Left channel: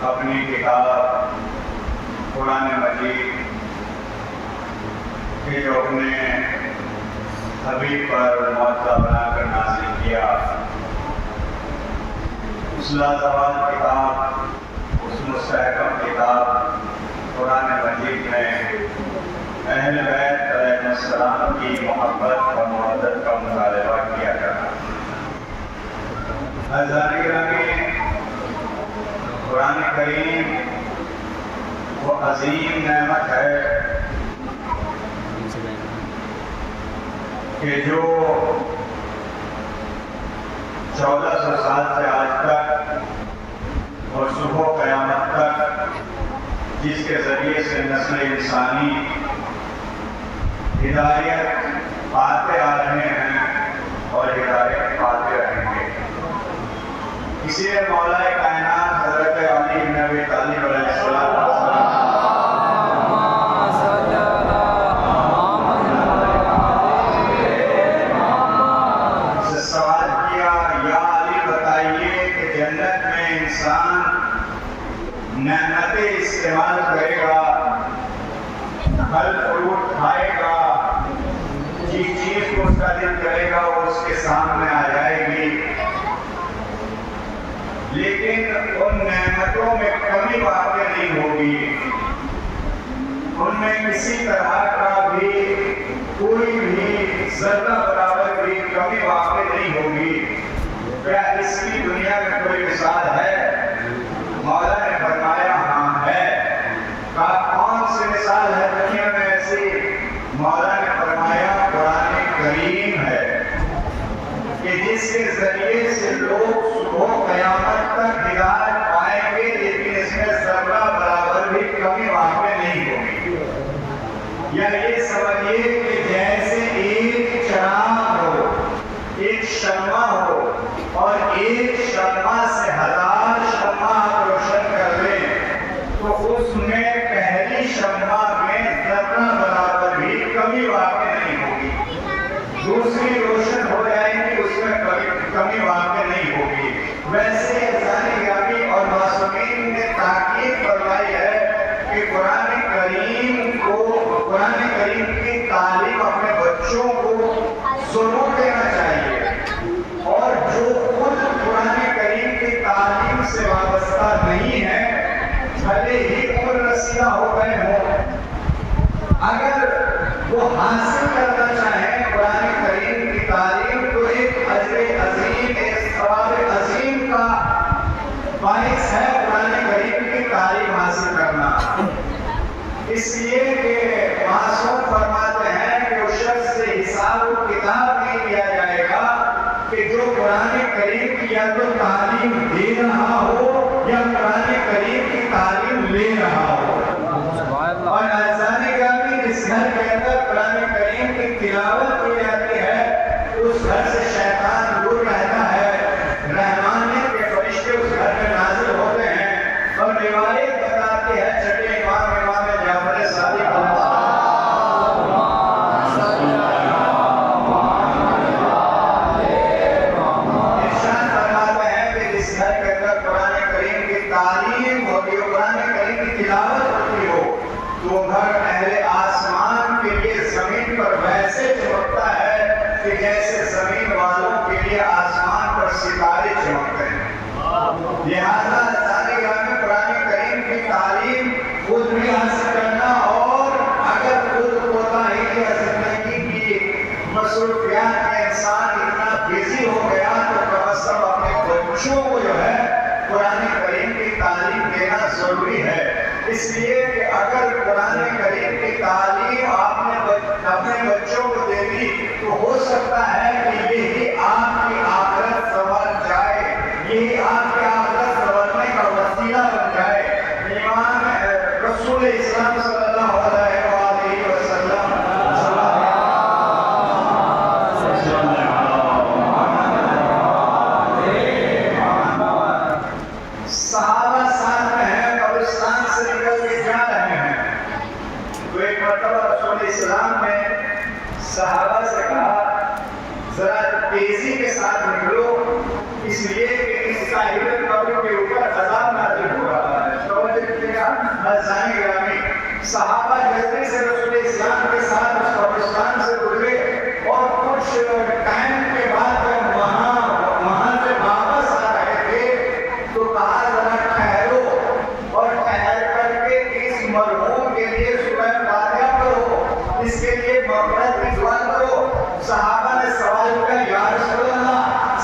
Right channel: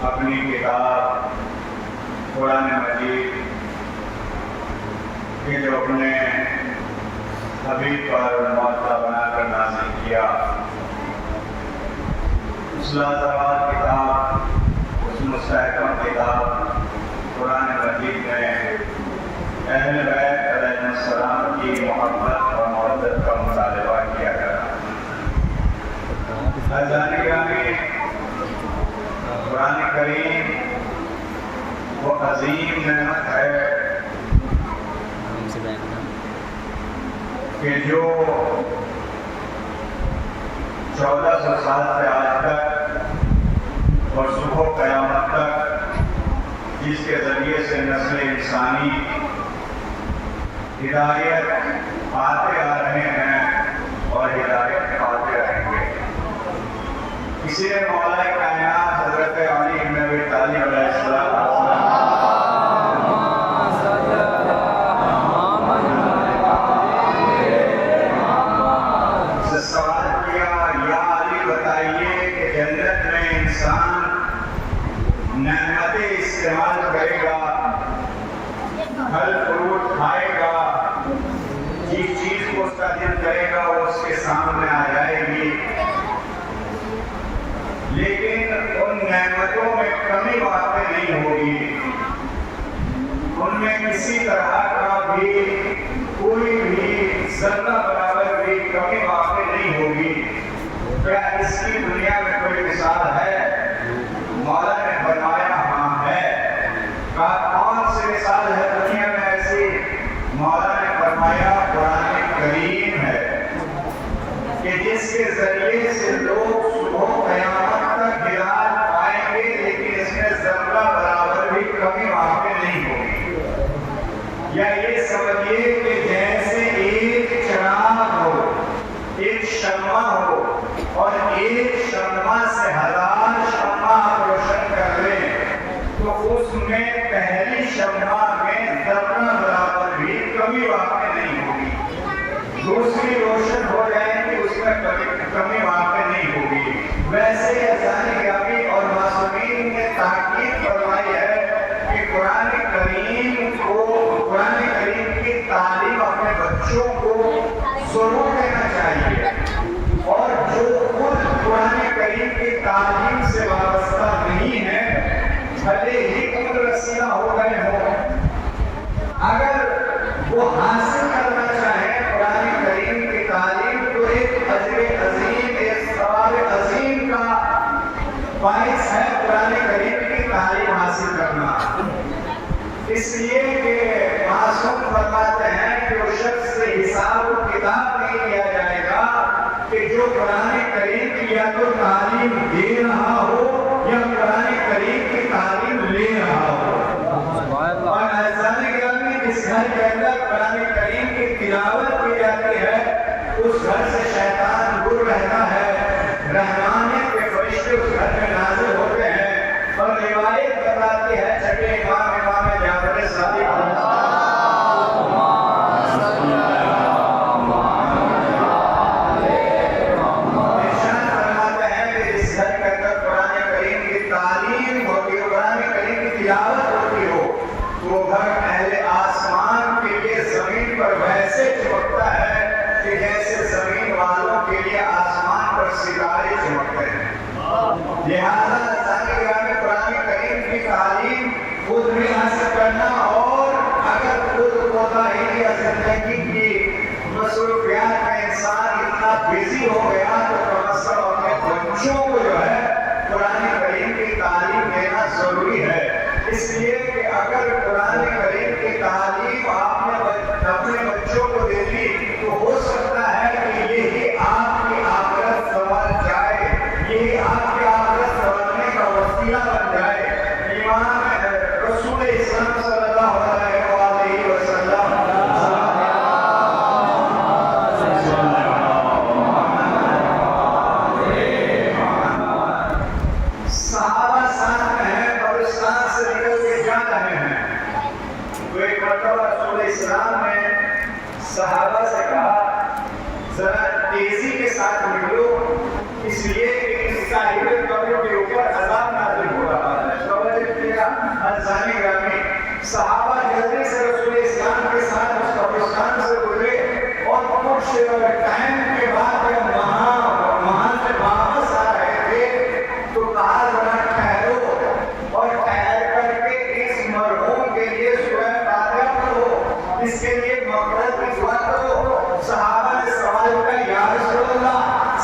अपनी किताब कुरान मजीद के जो अपने हबीब पर मौजूदा बनाकर नाज़िल किया, उस लाजवाब किताब, उस मुस्तहकम किताब कुरान मजीद में अहले बैत अलैहिस्सलाम की मोहब्बत और मवद्दत का मुतालबा किया जाता है। कुरान करीम वो अजीम नेमत है कि जो 1400 साल से आज तक और सुबह क़यामत तक जिसके ज़रिए से नस्ल इंसानी हिदायत पाते आ रहे हैं और हिदायत पाते रहेंगे। इसीलिए मौलाए कायनात हज़रत अली इब्न अबी तालिब अलैहिस्सलाम से सवाल किया, या अली बताइए कि जन्नत में इंसान नेमतें इस्तेमाल करेगा, फल फ्रूट खाएगा, जिस चीज को उसका दिल करेगा वो उसके सामने आ जाएगी, लेकिन उन नेमतों में कमी वाक़ई नहीं होगी, उनमें किसी तरह का भी कोई भी ज़र्रा बराबर भी कमी वाक़ई नहीं होगी। क्या इसकी दुनिया में कोई मिसाल है? मौला ने फरमाया हाँ है। कौन सी मिसाल है दुनिया में ऐसी? मौला ने फरमाया कुरान करीम है कि जिसके जरिए से लोग सुबह क़यामत तक हिदायत पाएंगे, लेकिन इसमें ज़र्रा बराबर भी कमी वाक़ई नहीं होगी। या ये समझिए कि जैसे एक चिराग हो, एक शम्मा हो और एक शम्मा से 1000 शम्मा आप रोशन कर लें तो उसमें पहली शम्मा में ज़र्रा बराबर भी कमी वाक़ई नहीं होगी, दूसरी रोशन हो जाएगी, उसमें कमी वाक़ई नहीं होगी। वैसे ज़ाहिरी और मासूमीन ने ताकीद फरमाई है कि कुरान करीम की तालीम अपने बच्चों को ज़रूर देना चाहिए, और जो खुद कुरान करीम की तालीम से वाबस्ता नहीं है, भले ही उम्र रसीदा हो गए हों, अगर वो हासिल करना चाहे इसलिए कि मासूम फरमाते हैं कि उस शख्स से हिसाब किताब नहीं लिया जाएगा कि जो कुरान करीम की या तो तालीम दे रहा हो या कुरान करीम की तालीम ले रहा हो। और अज़ानी गामी जिस घर के अंदर कुरान करीम की तिलावत की जाती है उस घर से शैतान दूर रहता है, रहमानियत के फरिश्ते उस घर में नाज़िल होते हैं। और रिवायत बताती है छठे इमाम जाफर सादिक तालीम होती हो, कुरान करीम की तिलावत होती हो, तो घर अहले आसमान के लिए जमीन पर वैसे चमकता है कि जैसे जमीन वालों के लिए आसमान पर सितारे चमकते हैं। लिहाजा कुरान करीम की तालीम खुद भी हासिल करना, और अगर खुद कोताही या जिंदगी की मसरूफियात में इंसान इतना बिजी हो गया तो कम अज कम अपने बच्चों को जो है कुरान करीम की तालीम देना जरूरी है। इसलिए कि अगर कुरान करीम की तालीम आपने अपने बच्चों को दे दी तो हो सकता है कि यही आपकी आखिरत संवर जाए, यही आपकी आखिरत संवरने का वसीला बन जाए। ईमान रसूल इस्लाम सल्लल्लाहु अलैहि वसल्लम सहाबा साथ में हैं, कब्रिस्तान से निकल के जा रहे हैं। तो एक मरतबा रसूल इस्लाम ने सहाबा से कहा जरा तेजी के साथ निकलो, इसलिए कि इस साहिब कब्र के ऊपर अज़ाब नाज़िल हो रहा है। तवज्जो कीजिएगा, अज़ानी ग्रामी सहाबा जल्दी से रसूल इस्लाम के साथ उस कब्रिस्तान से गुजरे और कुछ टाइम के बाद जब वहां से वापस आ रहे थे तो कहा जरा ठहरो, और ठहर करके इस मरहूम के लिए सूरह फातिहा पढ़ो, इसके लिए मग़फ़िरत की दुआ करो। सहाबा ने सवाल किया, या रसूल अल्लाह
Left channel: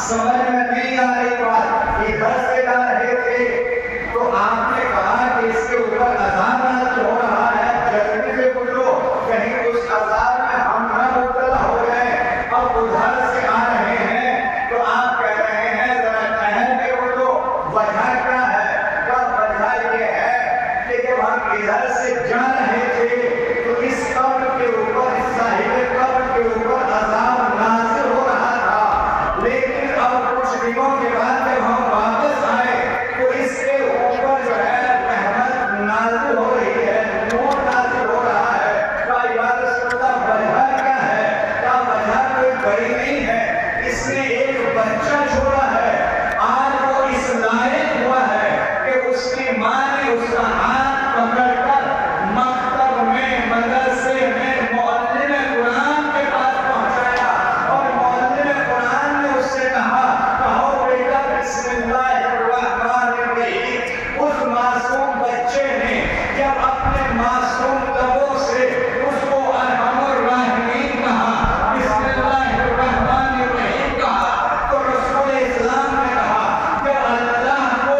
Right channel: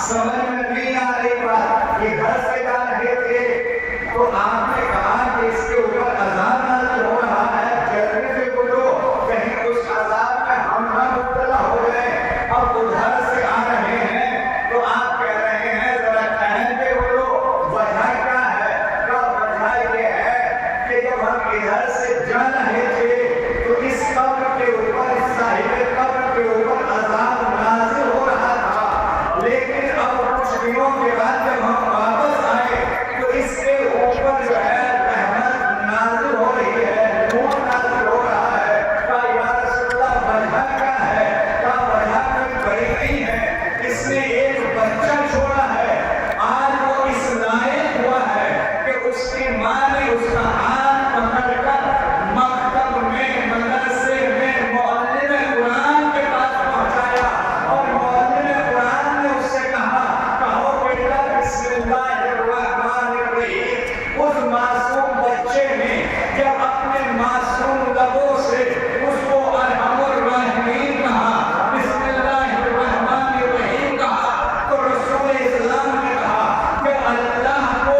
समझ में नहीं आ रही बात, ये घर से जा रहे थे तो आपने कहा कि इसके ऊपर अज़ाब नाज़िल हो रहा है, जल्दी से बोलो कहीं उस अज़ाब में हम न मुब्तला हो गए। अब उधर से आ रहे हैं तो आप कह रहे हैं जरा ठहर के बोलो, वजह क्या है? क्या वजह ये है कि जब हम इधर से जा रहे थे तो इस कब्र के ऊपर, इस साहिब कब्र के ऊपर अज़ाब नाज़िल हो रहा था, लेकिन अब कुछ दिनों के बाद जब हम वापस आए तो इसके ऊपर जो है रहमत नाज़िल हो रही है, नूर नाज़िल हो रहा है। क्या या रसूल अल्लाह वजह क्या है? क्या वजह कोई बड़ी नहीं है, इसने एक बच्चा छोड़ा है, आज वो इस लायक हुआ है कि उसकी माँ ने उसका हाथ पकड़कर मकतब में, मदरसे में मुअल्लिम कुरान के पास पहुंचाया और मुअल्लिम कुरान ने उससे कहा, कहो बेटा बिस्मिल्लाहिर्रहमानिर्रहीम। उस मासूम बच्चे ने जब अपने मासूम लबों से उसको अरहमुर्राहिमीन कहा, बिस्मिल्लाहिर्रहमानिर्रहीम कहा, तो रसूल इस्लाम ने कहा कि अल्लाह को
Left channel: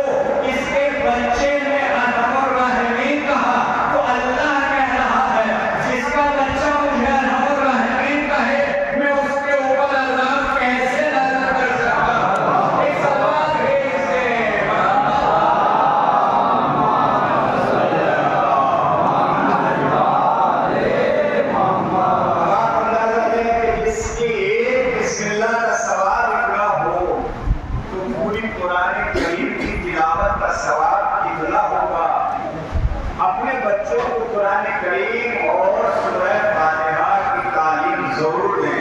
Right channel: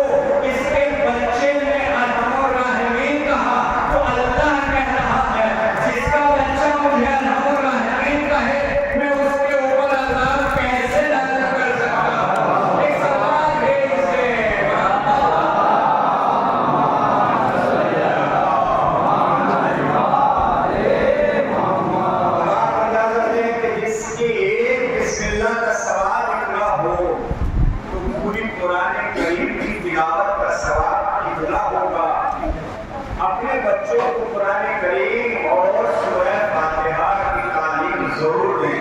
इसके बच्चे ने अरहमुर्राहिमीन कहा तो अल्लाह कह रहा है जिसका बच्चा मुझे अरहमुर्राहिमीन कहे मैं उसके ऊपर अज़ाब कैसे नाज़िल कर सकता हूं? एक सवाल है इससे। आप अंदाजा लें कि जिसकी एक बिस्मिल्लाह का सवाब इतना हो तो पूरी कुरान करीम की तिलावत का सवाब कितना होगा। अपने बच्चों को कुरान करीम और सूरह फातिहा की तालीम जरूर दें,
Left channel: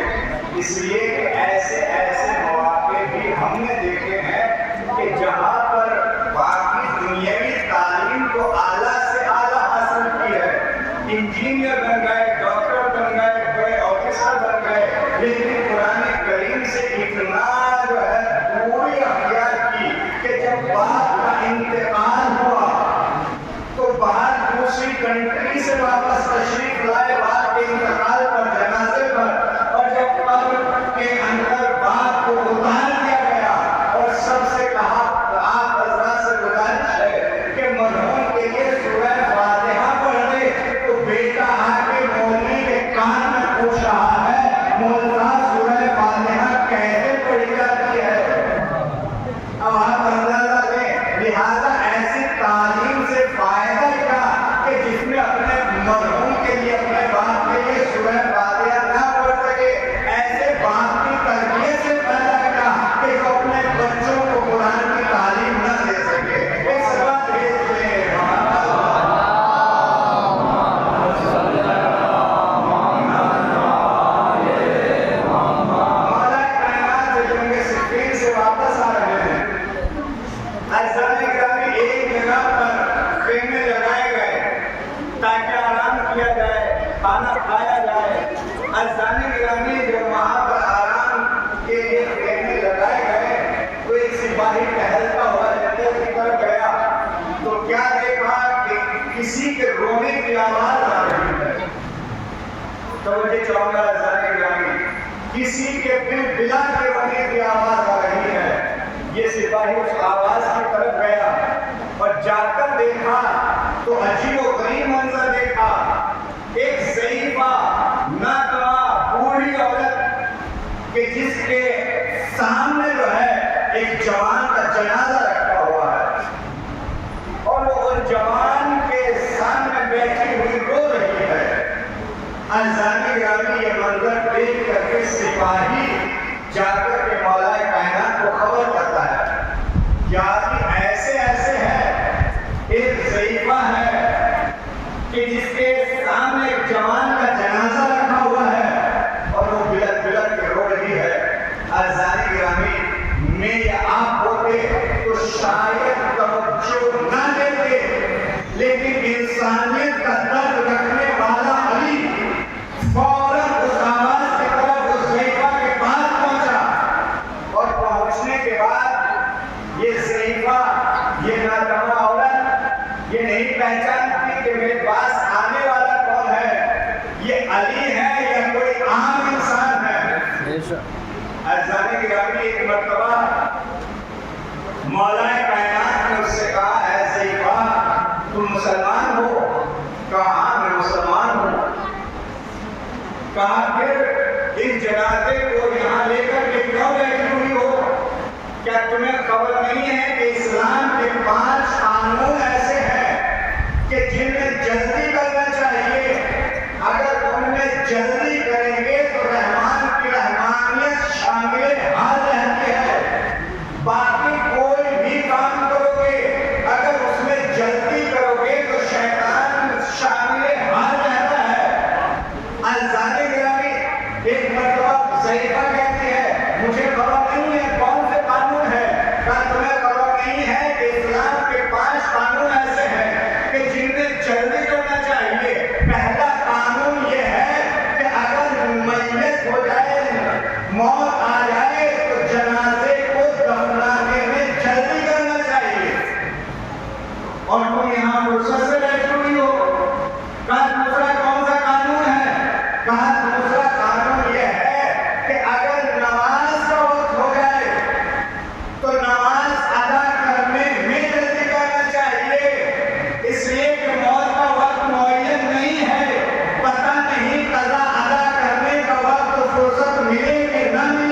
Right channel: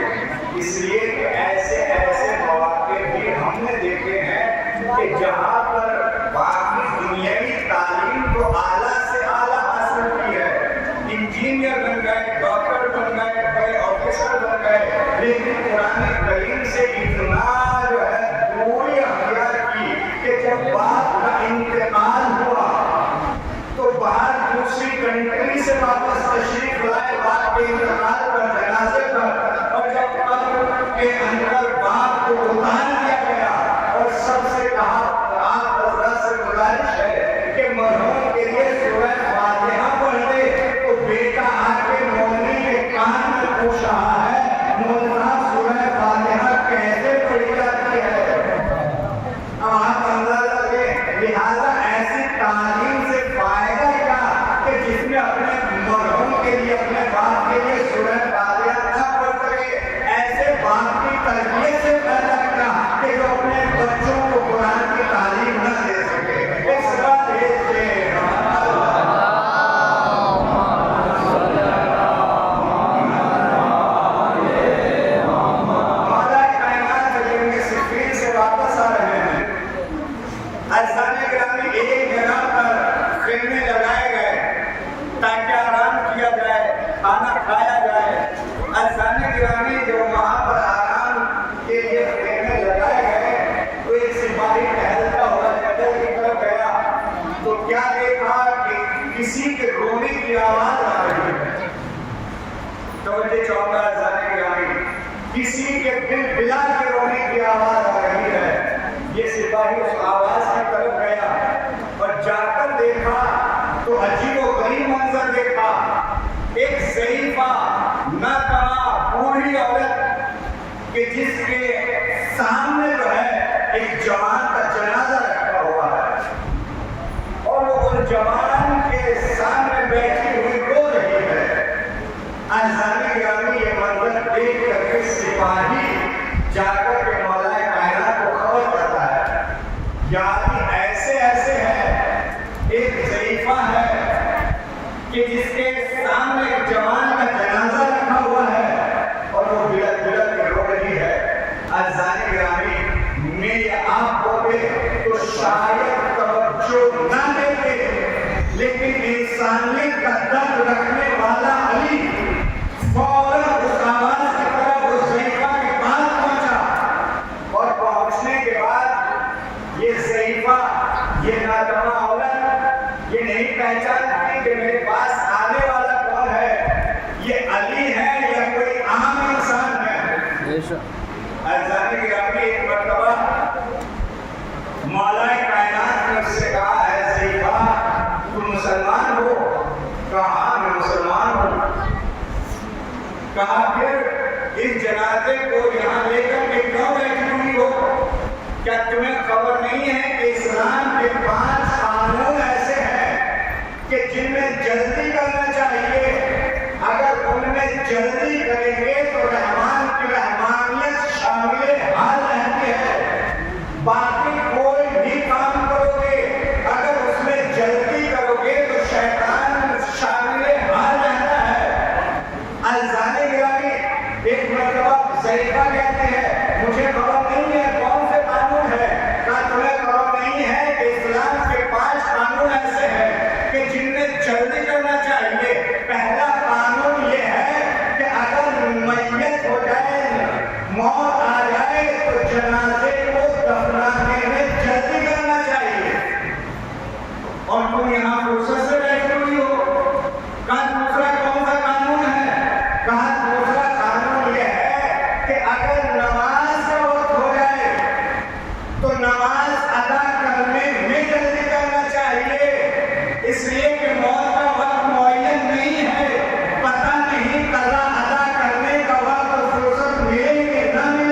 इसलिए कि ऐसे ऐसे मौके भी हमने देखे हैं कि जहाँ पर बाकी दुनियावी तालीम तो आला से आला हासिल की है, इंजीनियर बन गए, डॉक्टर बन गए, बड़े ऑफिसर बन गए, लेकिन कुरान करीम से इतना जो है दूरी अख्तियार की कि जब बाप का इंतकाल हुआ तो बाहर दूसरी कंट्री से वापस तशरीफ लाए बाप के इंतकाल पर, जनाजे पर, और जब कब्र के अंदर बाप को उतार दिया गया और सबसे कहा आप हज़रात से गुजारिश है कि मरहूम के लिए सूरह फातिहा पढ़ दे, तो बेटे किसी के बिलबिला के रोने की आवाज आ रही है। ये सिपाही उस आवाज की तरफ गया और जाकर देखा तो अजीबोगरीब मंजर देखा। एक ज़ईफ़ा नाकवा बूढ़ी औरत कि जिसके सामने जो है एक जवान का जनाजा रखा हुआ है और वो उस जवान के सामने बैठी हुई रो रही है। अज़ानी गिरामी ये मंजर देख करके सिपाही जाकर के मौलाए कायनात को खबर करता है। यानी ऐसे ऐसे है, एक ज़ईफ़ा है कि जिसके सामने एक जवान का जनाजा रखा हुआ है और वो बिलक बिलक के रो रही है। अज़ानी गिरामी में या आप होते तो शायद तवज्जो न देते, लेकिन इंसानियत का दर्द रखने वाला अली फौरन उस आवाज की तरफ उस ज़ईफ़ा के पास पहुंचा और पहुंचने के बाद ये ज़ईफ़ा, ये नातवा औरत ये नहीं पहचानती कि मेरे पास आने वाला कौन है, ये अली है या कोई आम इंसान है। अज़ानी गिरामी एक मर्तबा मौलाए कायनात ने उससे कहा, ऐ ज़ईफ़ा तुम मुसलमान हो? कहा मैं मुसलमान हूँ। कहा फिर इस जनाजे को यहाँ लेकर के क्यों बैठी हुई हो? क्या तुम्हें खबर नहीं है कि इस्लाम के 5 कानून ऐसे हैं कि जिनमें जल्दी करना चाहिए, अगर उनमें जल्दी करेंगे तो रहमान की रहमानियत शामिल हाल रहती है। बाकी कोई भी काम करोगे अगर उसमें जल्दी करोगे तो शैतान शामिल हाल रहता है। अज़ानी गिरामी एक मर्तबा ज़ईफ़ा कहती है, मुझे खबर नहीं है कौन से कानून है। क्या तुम्हें खबर नहीं है कि इस्लाम के 5 कानून ऐसे हैं कि जिनमें जल्दी करना चाहिए? पहला कानून ये है कि अगर मैयत हो जाए, मौत आ जाए तो जनाजे को दफनाने में जल्दी करना चाहिए। और तुम यहाँ फुर्सत से बैठी हुई हो। कहा दूसरा कौन सा कानून है? कहा दूसरा कानून यह है कि अगर नमाज का वक्त हो जाए तो नमाज अदा करने में जल्दी करना चाहिए, इसलिए कि मौत का वक्त मुअय्यन नहीं है, पता नहीं कज़ा अदा करने का वक्त फुर्सत मिले कि न मिले।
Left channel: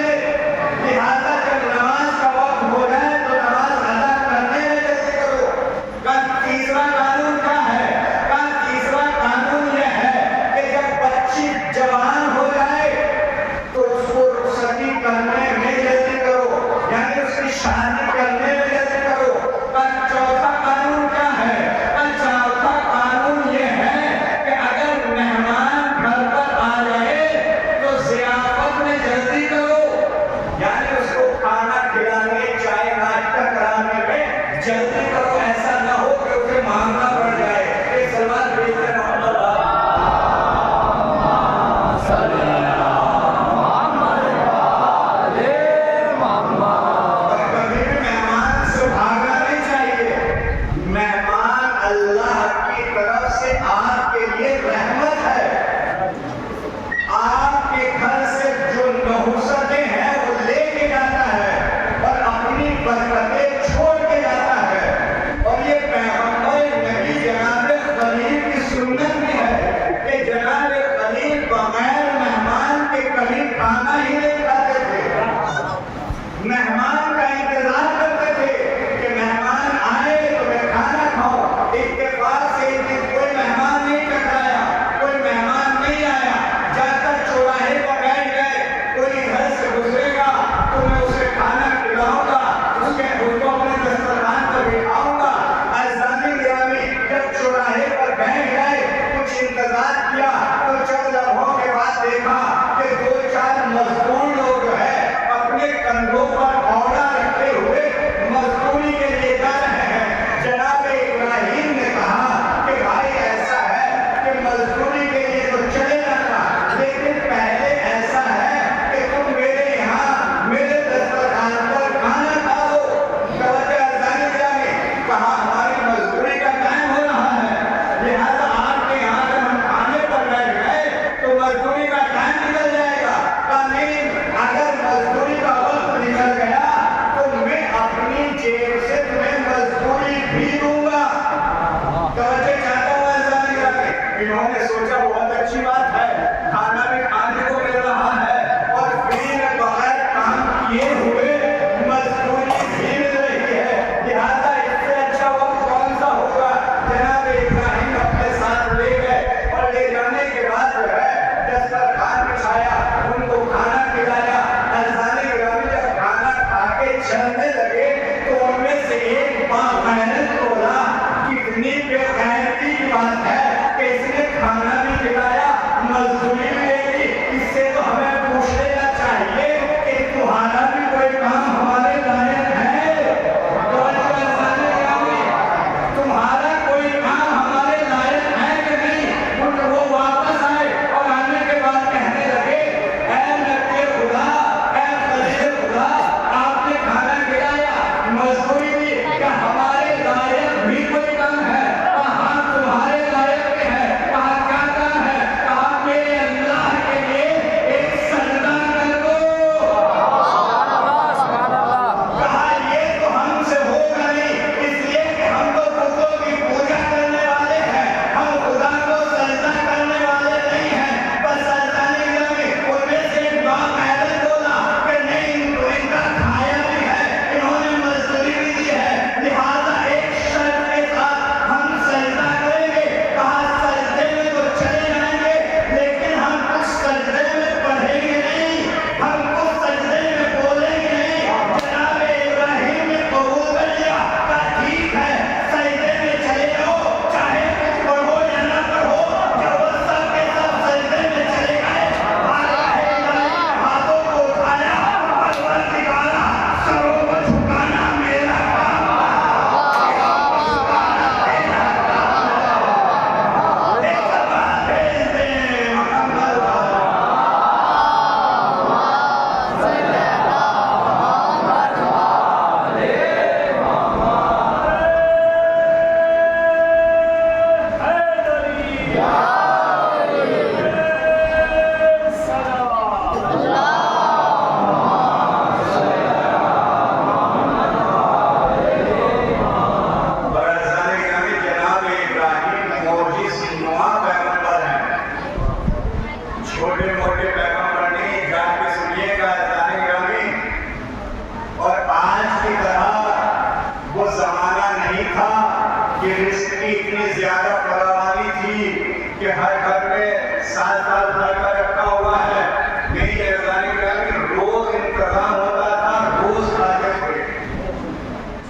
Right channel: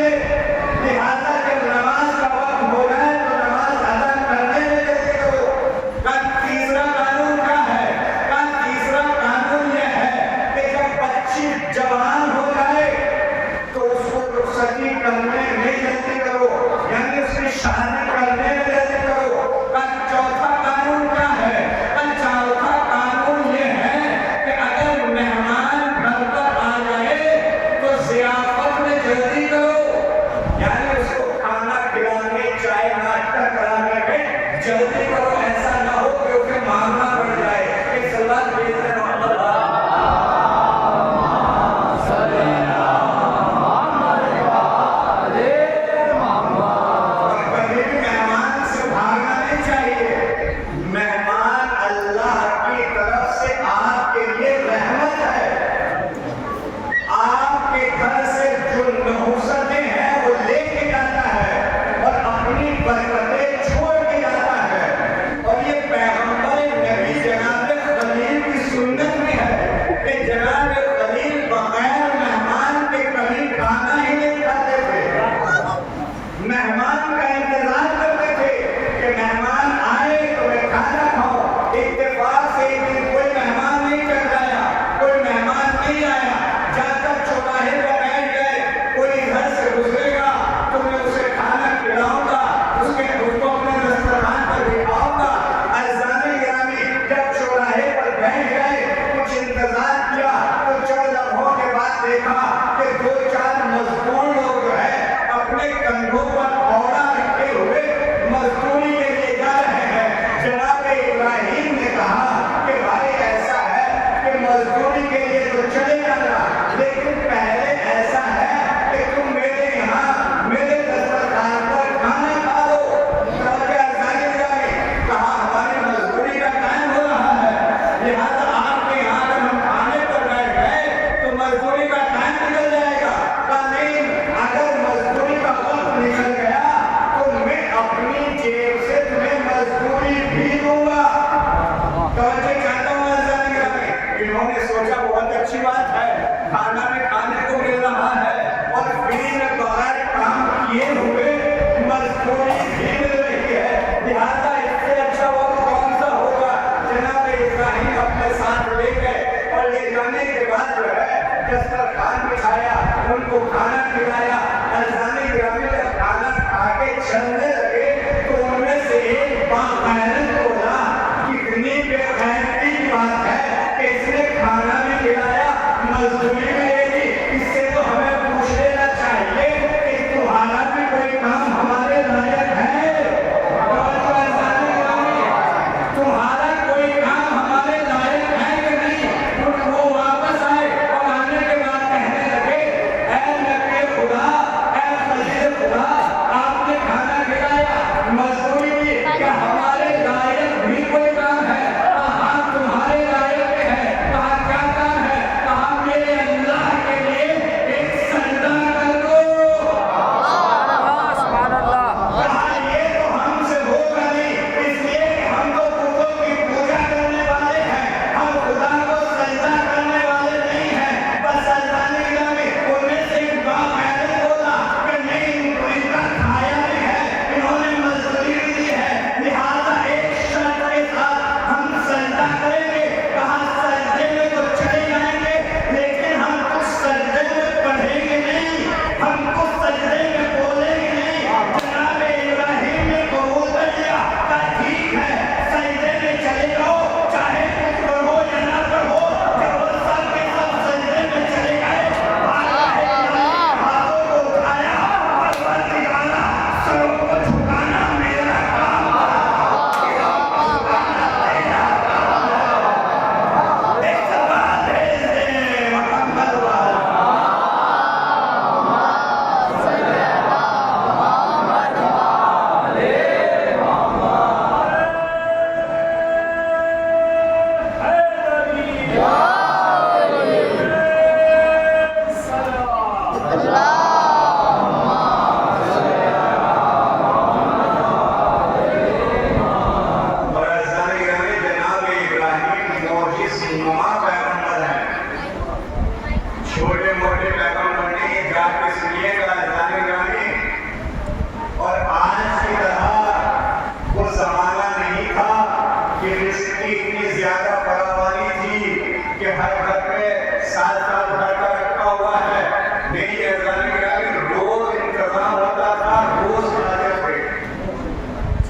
अजाने गिराने रोज इंतजाम होता था, रोज आते थे।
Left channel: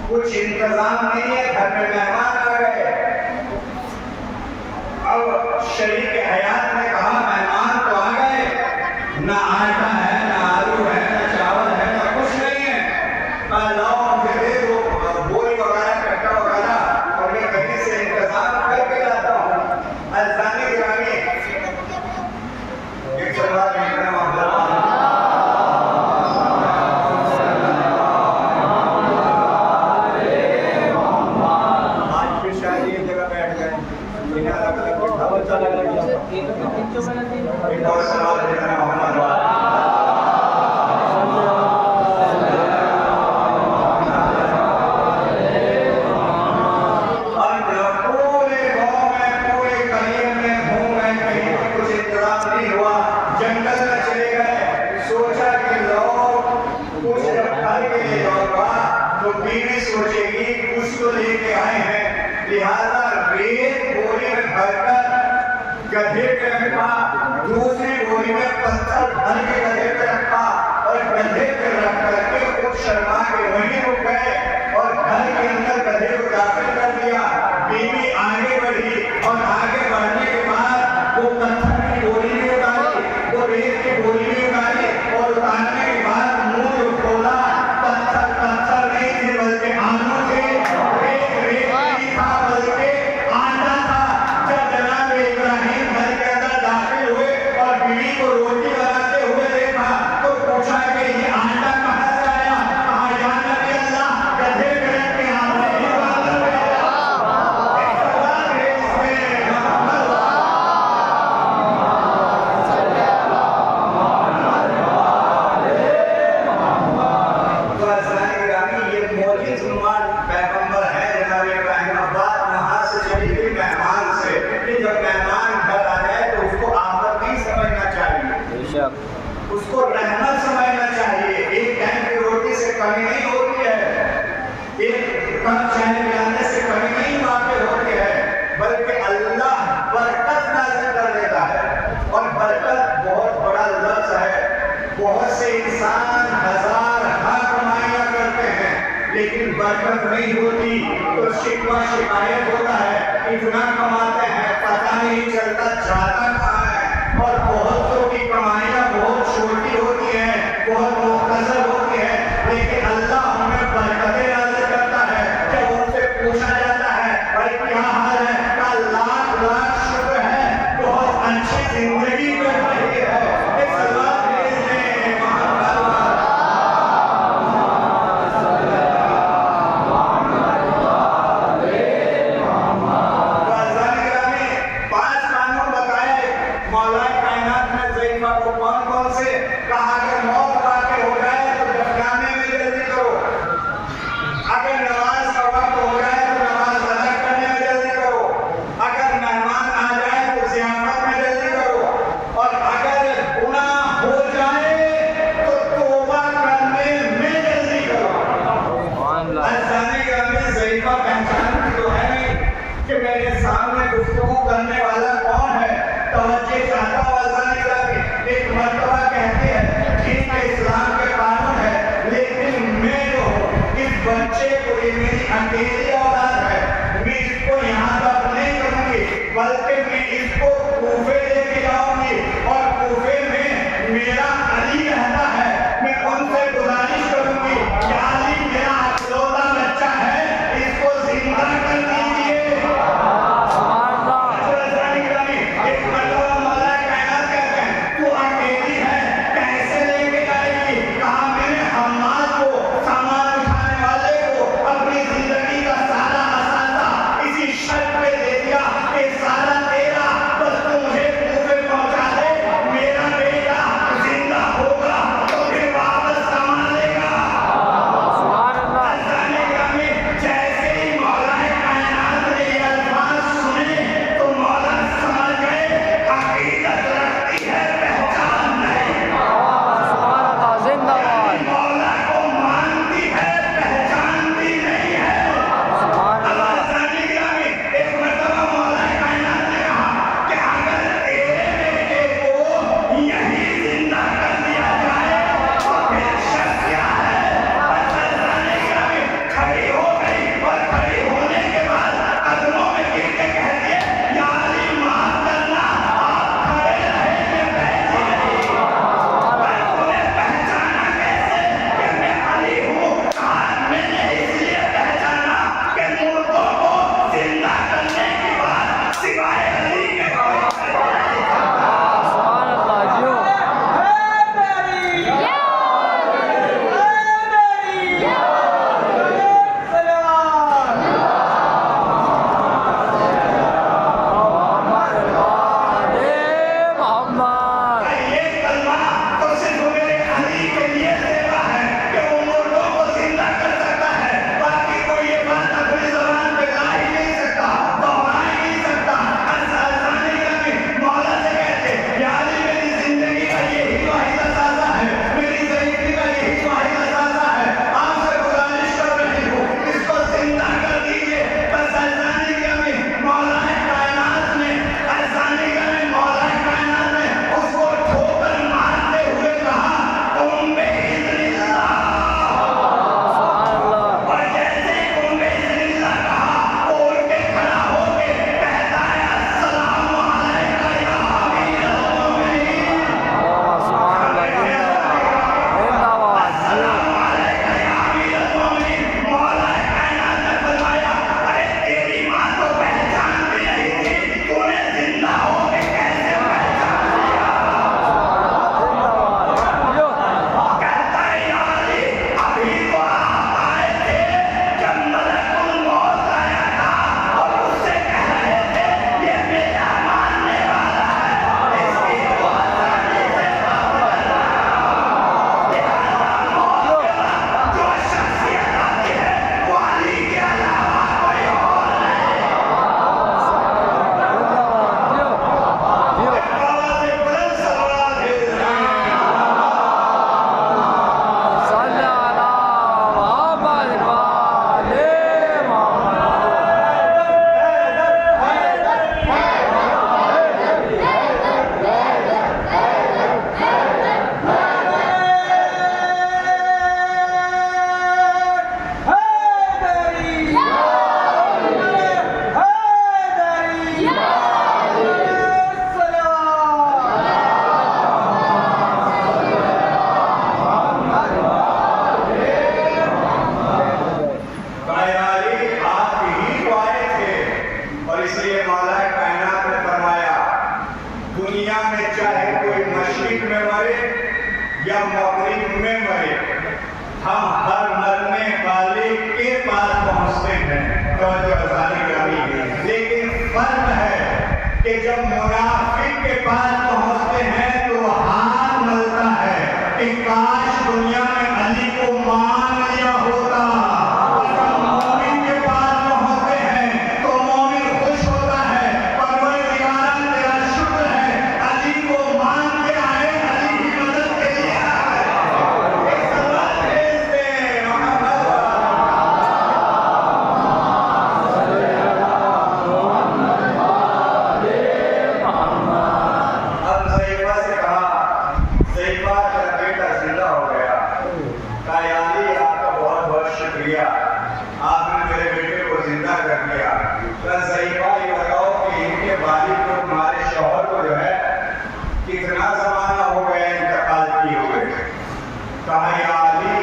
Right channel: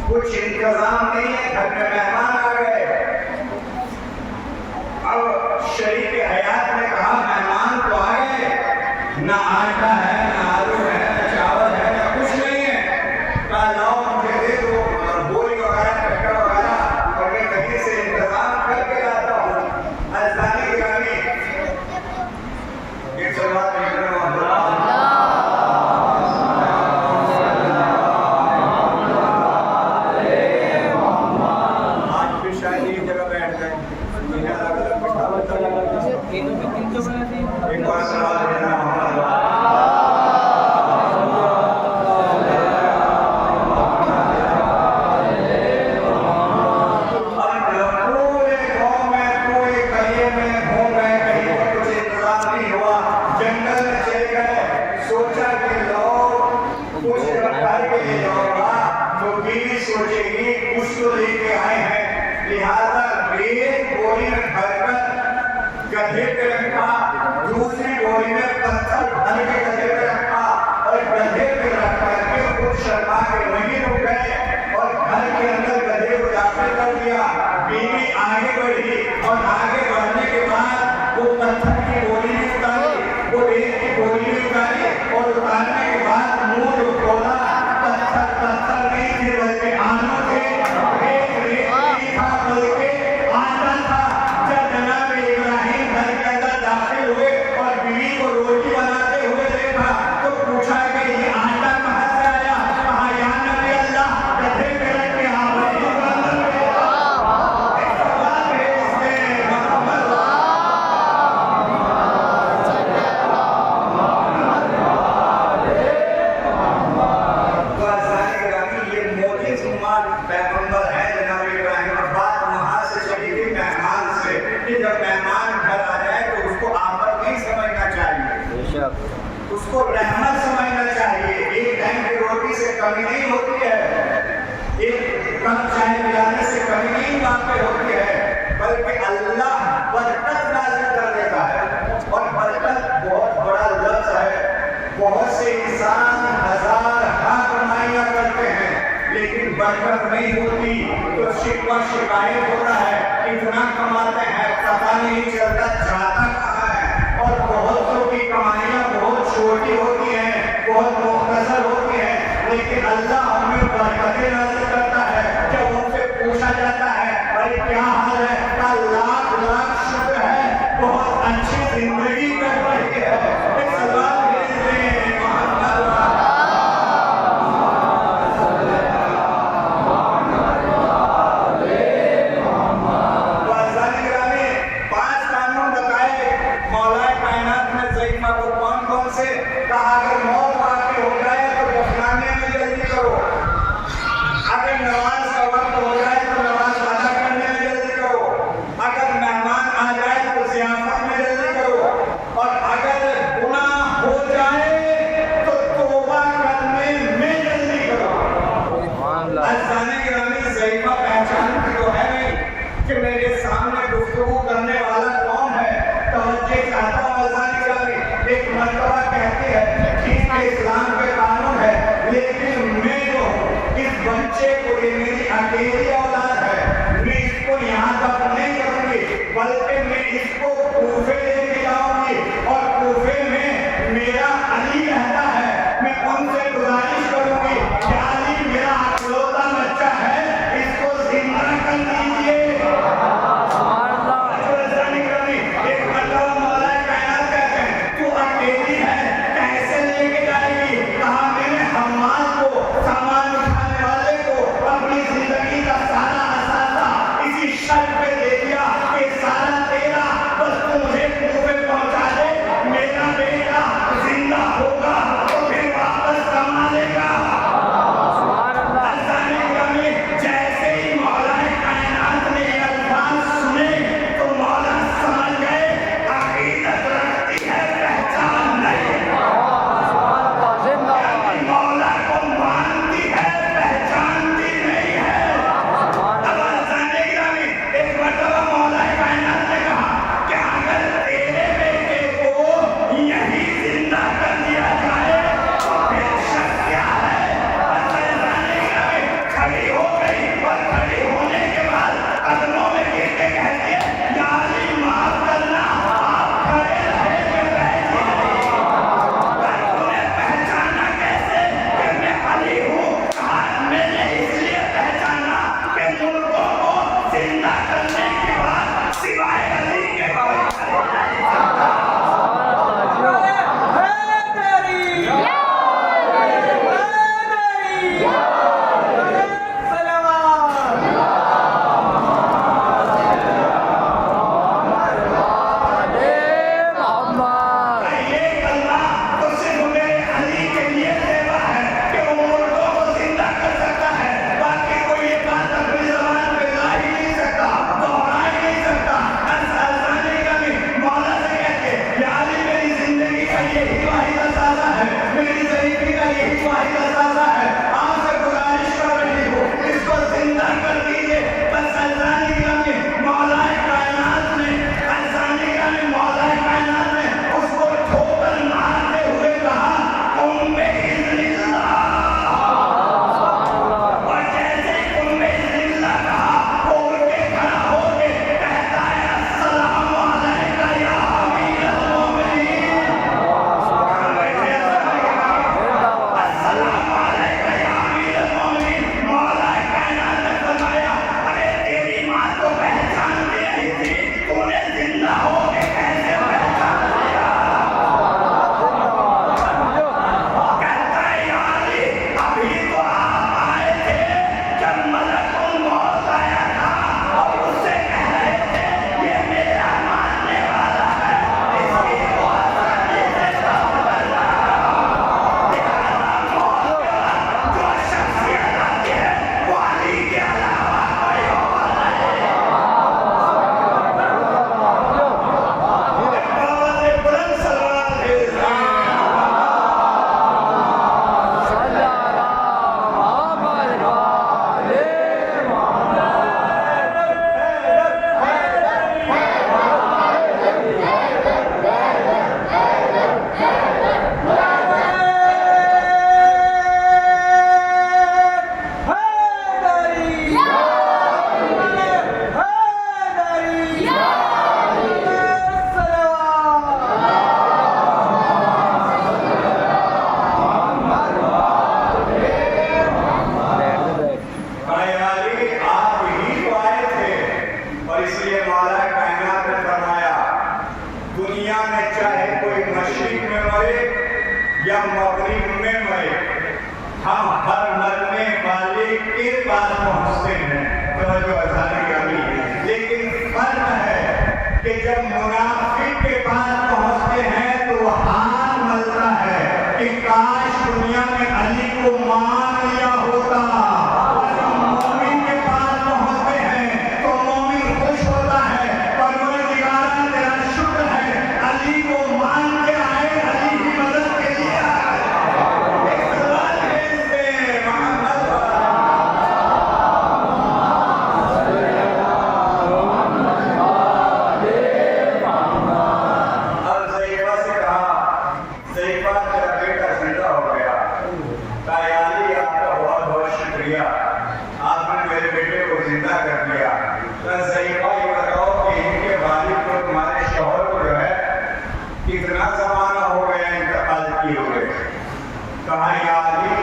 कुछ इंतजाम नहीं है, घर में मेहमान आ गए। अब शरीक हयात ने कहा मेहमान तो आ गए, ना आटा है, ना आलू है, ना चावल है, ना कुछ नहीं है। कहा लाओ मुझे दे दो बोरी वगैरह, कट्टा वगैरह, और मैं कहीं से इंतजाम करके लाता हूँ। अजाने गिराने एक सवाल शायद एक जगह बैठ गए, इन्हें अलग अलग बैठा बच्चा लग रहा है। एक और सवाल लेना मामला पूरे गांव में, पूरे गलियों में घूम गए, कहीं कुछ इंतजाम नहीं हुआ। जंगल में चले गए, सोचा कि लोग कुछ रखवाली के लिए जाऊंगा तो बीवी सोचेगी कुछ तो लेके आए हैं, लिहाजा रेत बोरी में भरकर गधे पे रखा, दूसरी बोरी में पत्थर भर के गधे पे रखा और गधे पे रख करके खुद शर्मा के वहीं रुक गए और घर के अंदर गधे को दाखिल कर दिया। बीवी आगे बढ़ी और आगे बढ़ने के बाद वो पत्थर की बोरी भी उतारी, वो रेत की बोरी भी उतारी और उतारने के बाद मुंह जो खोला, पत्थर पत्थर नहीं थे बल्कि आलू थे, रेत नहीं था बल्कि आटा था। जब जनाब इब्राहिम घर के अंदर दाखिल हुए और बीवी को रोटी बनाते हुए देखा तो पूछा कि ये आटा कहाँ से आया? कहा या नबी अल्लाह, गधे पे रख के आ रहे हैं। पैगंबर है जनाब इब्राहिम। बात वहां से चली गई मेहमान से कि जब मेहमान घर आ जाए तो उसको आफत नहीं समझना चाहिए, उसको रहमत समझना चाहिए। एक टाइम की रोटी से कमी नहीं होती है, एक कप चाय पिलाने से कमी नहीं वाक़ई होती है, बल्कि अल्लाह बरकत नाज़िल कर देता है। और बरकत बहुत बड़ा लफ्ज़ है। बहुत से इंसान हजार कमाइयां करते हैं लेकिन बरकत नहीं होती तो शिकवा शिकायत होता है, इतना कमाते हैं पता नहीं चलता जाता कहाँ है। और बहुतों की कमाइयां बहुत छोटी होती हैं, बहुत मुख्तसर होती है, लेकिन अल्लाह उनमें बरकतें नाज़िल करता है। जब उनसे पूछा जाता है भाई क्या हाल है, का लाख लाख शुक्र है, बहुत अच्छी जिंदगी में रही है। को कौन कौन से कहा, अगर मौत वाक़ई हो जाए तो दफनाने में जल्दी करो, अगर नमाज का वक्त हो जाए तो नमाज अदा करने में जल्दी करो, अगर मेहमान आ जाए तो ज़ियाफत में जल्दी करो, और अगर गुनाह हो जाए तो तौबा करने में जल्दी करो। अज़ाने गिरामी ज़ईफ़ा पहचान तो है नहीं कि मेरे सामने गुफ्तगू करने वाला कौन है, तवज्जो चाहता हूं। अज़ाने गिरामी एक मर्तबा कहते हैं ठीक है इस्लाम के कानून है, लेकिन मैं जो हूँ इस बच्चे को, ये मेरी अकेली औलाद है, मैं इसको यहाँ तक नहीं करूंगी बल्कि मैं इसको कूफे लेके जाऊंगी और कूफे में मेरा अली रहता है, मैं उनसे गुजारिश करूंगी कि अली मेरा अकलौता बच्चा है, इसको जिंदा कर दीजिए। एक मर्तबा मौला कायनात कहते हैं तू अकेली है कैसे लेके जाएगी मगरिब में मरे, हम हर मरने वाले के पास पहुंचते हैं। तो जो अज़ान गिरामी, लेकिन फर्क है कि जब मुनाफिक के पास पहुंचते हैं तो वो हाथ मलता है कि काश दुनिया में अली को मान लिया होता, और जब मोमिन के पास पहुंचते हैं तो मोमिन खुश होता है, परवरदिगारा तेरा शुक्र है अली को मान के आए, अली की मदद के लिए आए। एक सवाल भेज दे मोहम्मद आपने मेरे बेटे को जिंदा कर दिया। ज़ईफ़ा ये बताओ कि इनके वालिद को तुम्हारे शौहर को जो है कितना ज़माना हो गया इंतकाल किए हुए? कहा या अली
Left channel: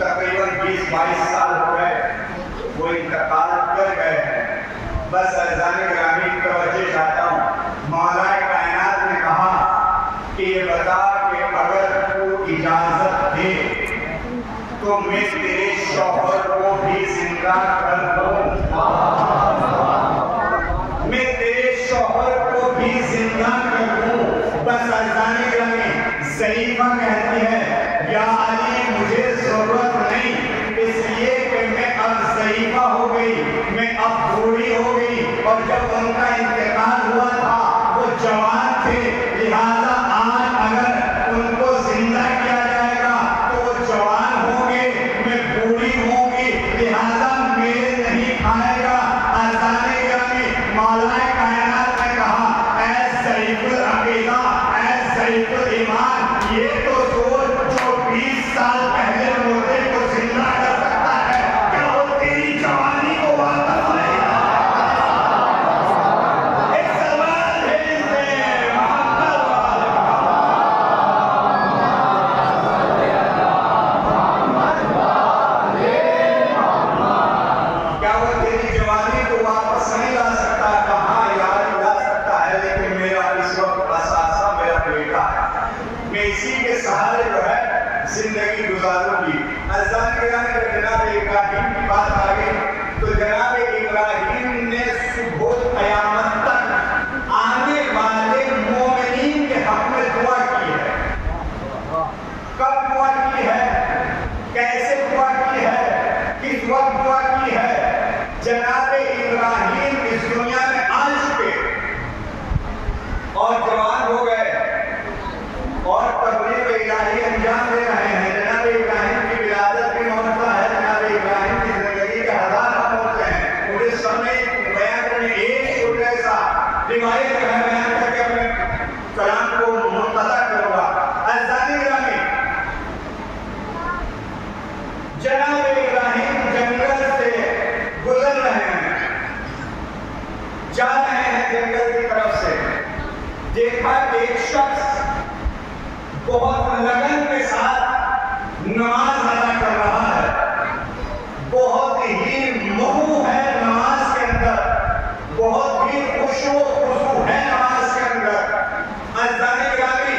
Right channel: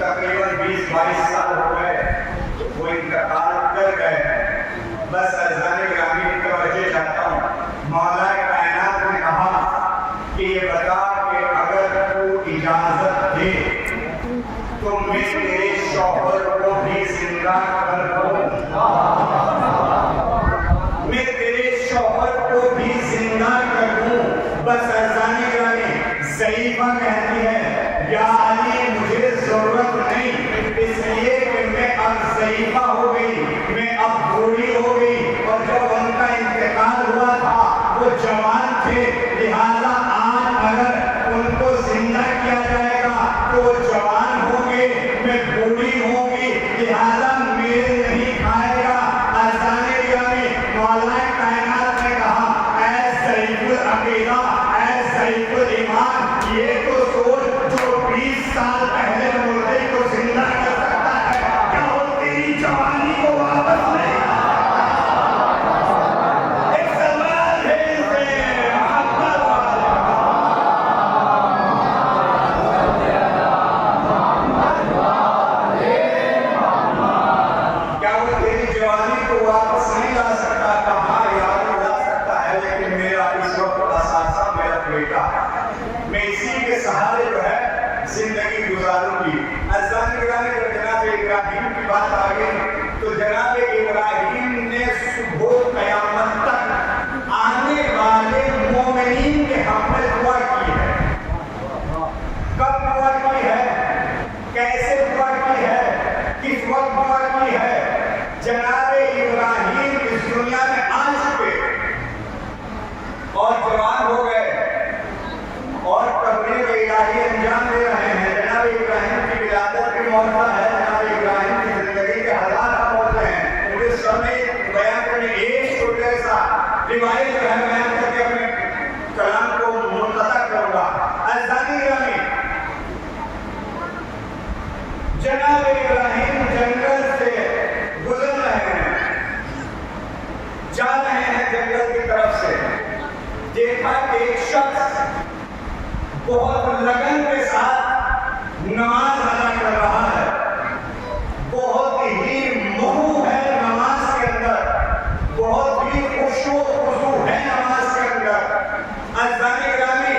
तकरीबन 20-22 साल हो गए, वो इंतकाल कर गए हैं। बस अज़ान गिरामी की तवज्जो चाहता हूँ। मौला कायनात ने कहा कि ये बता कि अगर तू इजाजत दे तो मैं तेरे शौहर को भी जिंदा कर दूं, मैं तेरे शौहर को भी जिंदा कर दूं। बस अज़ान गिरामी ज़ईफ़ा कहती है या अली मुझे जरूरत नहीं, इसलिए कि मैं अब ज़ईफ़ा हो गई, मैं अब बूढ़ी हो गई, और जब उनका इंतकाल हुआ था वो जवान थे, लिहाजा आज अगर उनको जिंदा किया जाएगा तो वो जवान होंगे, मैं बूढ़ी होंगी, लिहाजा मेल नहीं खाएगा। अज़ान गिरामी मौला कायनात ने कहा ऐ ज़ईफ़ुल अक़ीदा, ऐ ज़ईफ़ुल ईमान, ये तो सोच जो 20 साल पहले मुर्दे को जिंदा कर सकता है, क्या वो तेरी जवानी को वापस नहीं ला सकता? एक सवाल भेज दे मोहम्मद वाले। क्या वो तेरी जवानी को वापस नहीं ला सकता? कहाँ यार ला सकता है, लेकिन मेरा इस वक्त असासा मेरा बेटा है, मैं इसी के सहारे जो है जिंदगी गुजारूंगी। अज़ान गिरामी जब जनाब इब्राहिम की बात आ गई तो जनाब इब्राहिम ने सुबह क़यामत तक आने वाले मोमिनीन के हक में दुआ की है। कब दुआ की है, कैसे दुआ की है, किस वक्त दुआ की है? जनाब इब्राहिम इस दुनिया में आ चुके और जवान हो गए और तबलीग इलाही अंजाम दे रहे हैं। जनाब इब्राहिम की विलादत भी मौजूदा है, जनाब इब्राहिम की जिंदगी के हजार होते हैं। मुझे समय बयान करने एक छोटे सा रिवायत जो है बयान करके अपने कलाम को मुंतज़ा करूंगा। अज़ान गिरामी जनाब इब्राहिम जंगल से गुजर रहे हैं, जा रहे हैं जंगल की तरफ से, देखा एक शख्स बहुत लगन के साथ नमाज अदा कर रहा है, बहुत ही महू है नमाज के अंदर, बहुत ही खुशो खुशू है नमाज के अंदर। अज़ान गिरामी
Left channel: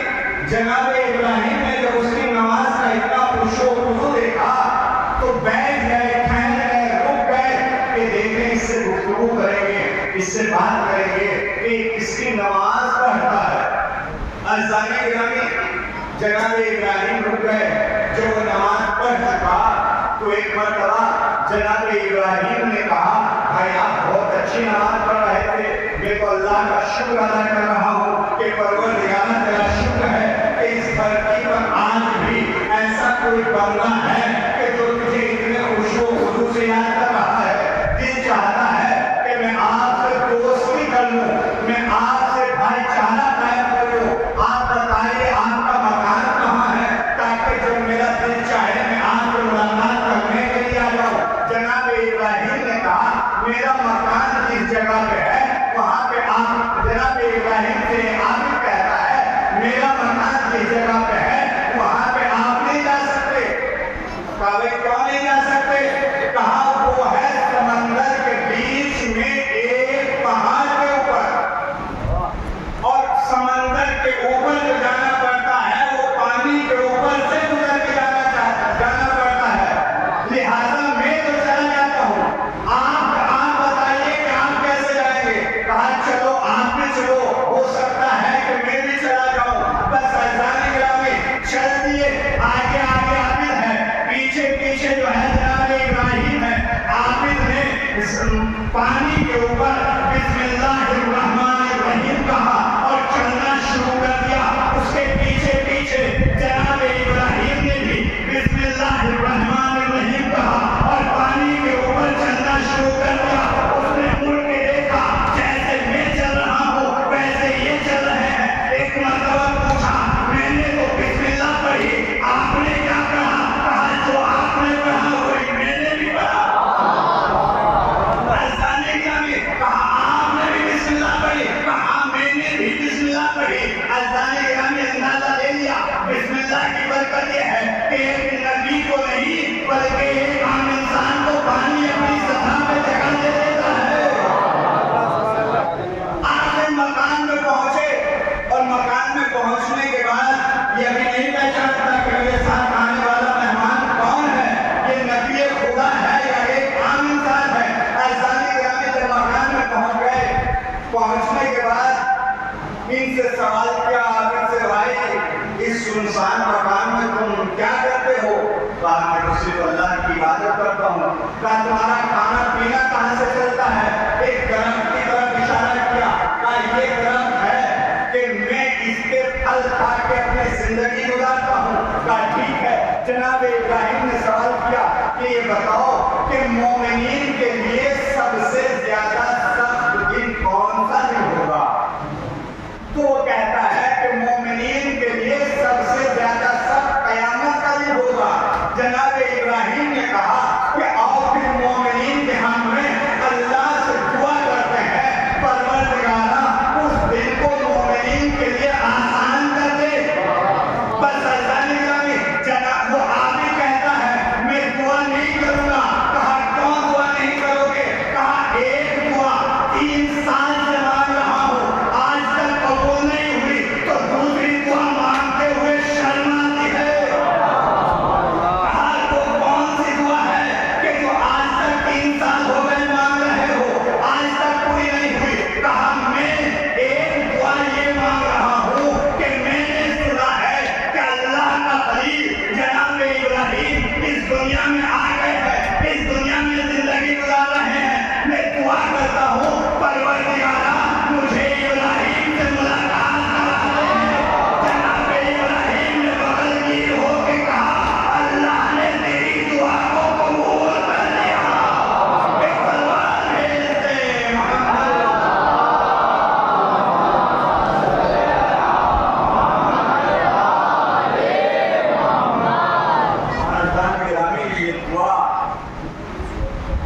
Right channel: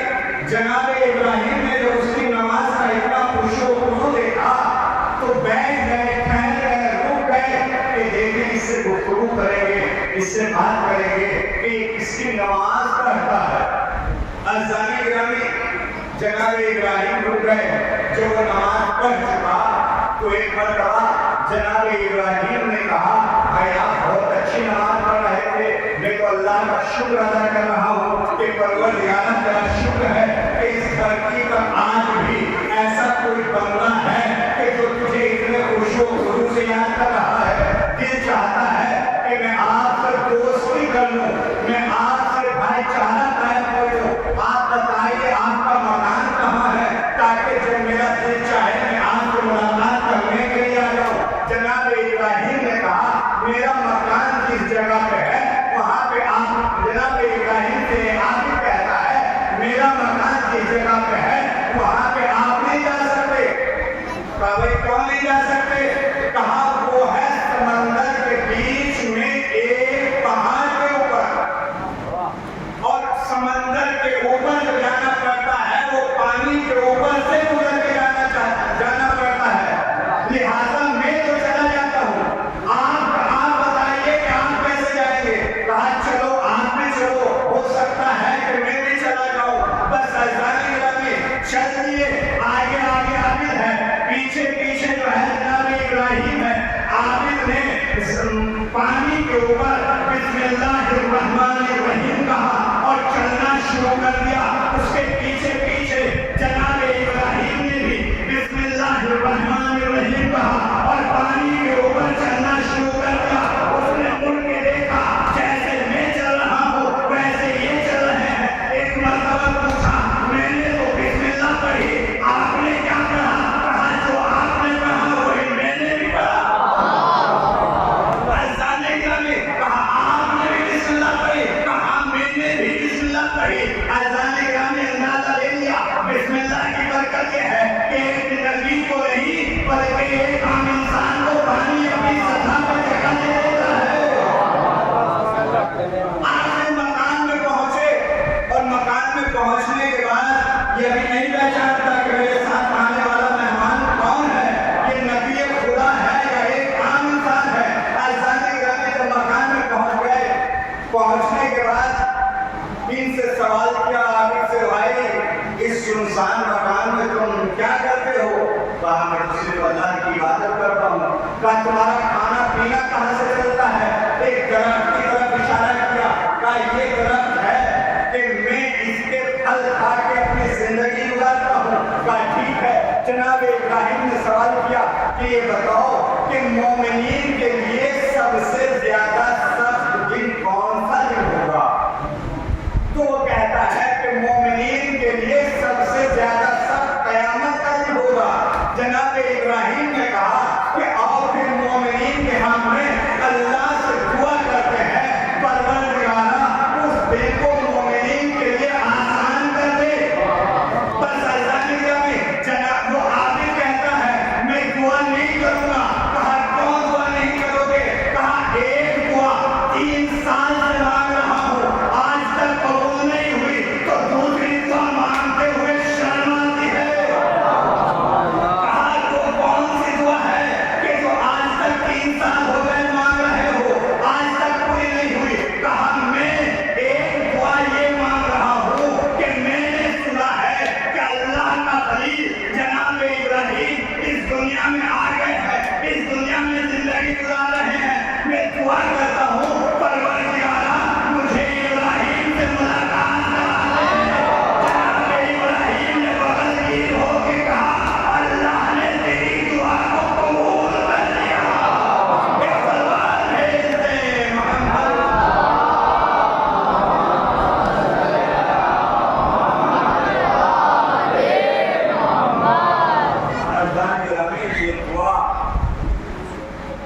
जनाब इब्राहिम ने जब उसकी नमाज का इतना खुशो खुशू देखा तो बैठ गए, ठहर गए, रुक गए कि देखें इससे गुफ्तगू करेंगे, इससे बात करेंगे कि किसकी नमाज पढ़ता है। अज़ान गिरामी जनाब इब्राहिम रुक गए। जब वो नमाज पढ़ चुका तो एक मरतबा जनाब इब्राहिम ने कहा भाई आप बहुत अच्छी नमाज पढ़ रहे थे, मैं तो अल्लाह का शुक्र अदा कर रहा हूँ कि परवरदिगार तेरा शुक्र है कि इस धरती पर आज भी ऐसा कोई बंदा है कि जो तुझे इतने खुशो खुशू से याद कर रहा है। दिल चाहता है कि मैं आपसे दोस्ती कर लूँ, मैं आपसे भाईचारा कायम कर लूँ। आप बताइए आपका मकान कहाँ है, ताकि जब मेरा दिल चाहे मैं आपसे मुलाकात करने के लिए आ जाऊँ। जनाब इब्राहिम ने कहा मेरा मकान जिस जगह पे है वहाँ पे आप, जनाब इब्राहिम से आप कहता है मेरा मकान जिस जगह पे है वहाँ पे आप पानी के ऊपर बिस्मिल्लाहिर्रहमानिर्रहीम कहा और चलना शुरू कर दिया। उसके पीछे पीछे जनाब इब्राहिम ने भी बिस्मिल्लाहिर्रहमानिर्रहीम कहा और पानी के ऊपर चलना शुरू कर दिया। उसने मुड़ के देखा, जैसे मैं चल रहा हूँ वैसे ये चल रहे हैं। एक मरतबा पूछा, मैंने तो बिस्मिल्लाह पढ़ी, आपने क्या पढ़ा? कहा जो आपने पढ़ा वही मैंने भी पढ़ा। कहा आपने भी बिस्मिल्लाह पढ़ी? कहा मैंने भी बिस्मिल्लाह पढ़ी। अज़ाने गिरामी अंदाजा ले लिया। बिस्मिल्लाह की बरकत ये है कि एक नबी को नहीं बल्कि एक आम इंसान को पानी अपनी सतह पे जगह दे देता है। आपने मकान में पहुंचे और मकान में पहुंचने के बाद ये भी नहीं पहचानता कि मेरे साथ आने वाला मेहमान कौन है, ये नबी खुदा है या एक आम इंसान है। अज़ाने गिरामी जब मकान में पहुंच गए, पहुंचने के बाद इनसे सवाल किया, इनसे भाई इस सुनसान मकान में तुम क्या करते हो? कहा मैं तो सिर्फ अल्लाह की इबादत करता हूँ। कहा तुम्हारा खाना पीना कहाँ से चलता है? एक दरख्त की तरफ इशारा किया। कहा ये दरख्त है कि मैं इसके फल खा के अपनी जिंदगी गुजारता हूँ। कहा ठीक है। जनाब इब्राहिम ने सवाल किया कि ये बताओ कि मोमिनीन के लिए सबसे ज्यादा सख्त दिन कौन सा दिन होगा? तो वो कहता है कि मोमिनीन के लिए सबसे ज्यादा सख्त कयामत का दिन होगा। जनाब इब्राहिम ने कहा कि आओ फिर मोमिनीन के हक में अल्लाह से दुआ करते हैं, परवरदिगारा उस दिन को मोमिनीन के लिए आसान कर दे। बस अल्लाह ने जनाब वो आगे कहता है मैं दुआ नहीं करूंगा। कहा कौन दुआ नहीं करोगे? कहा एक दुआ 3 साल से मांग रहा हूँ, आज तक कबूल नहीं हुई, तो दूसरी दुआ मांगते हुए शर्म आती है। कहा तो कौन सी दुआ है कि जो आज तक 3 साल हो गए मांग रहे हो, आज तक पूरी नहीं हुई? कहा मैं एक दुआ ये मांग रहा हूँ कि मैंने सुना है कि अल्लाह का खलील जनाब इब्राहिम इस दुनिया में आ गए हैं, इस दुनिया में जिंदगी गुजार रहे हैं। मैं दुआ करता हूँ परवरदिगारा मुझे इब्राहिम से मुलाकात करा दे। जनाब इब्राहिम ने बगलगीर होकर कहा अल्लाह ने तेरी दुआ को कबूल कर लिया। एक तलवार भेज दे मोहम्मद। ये दुआ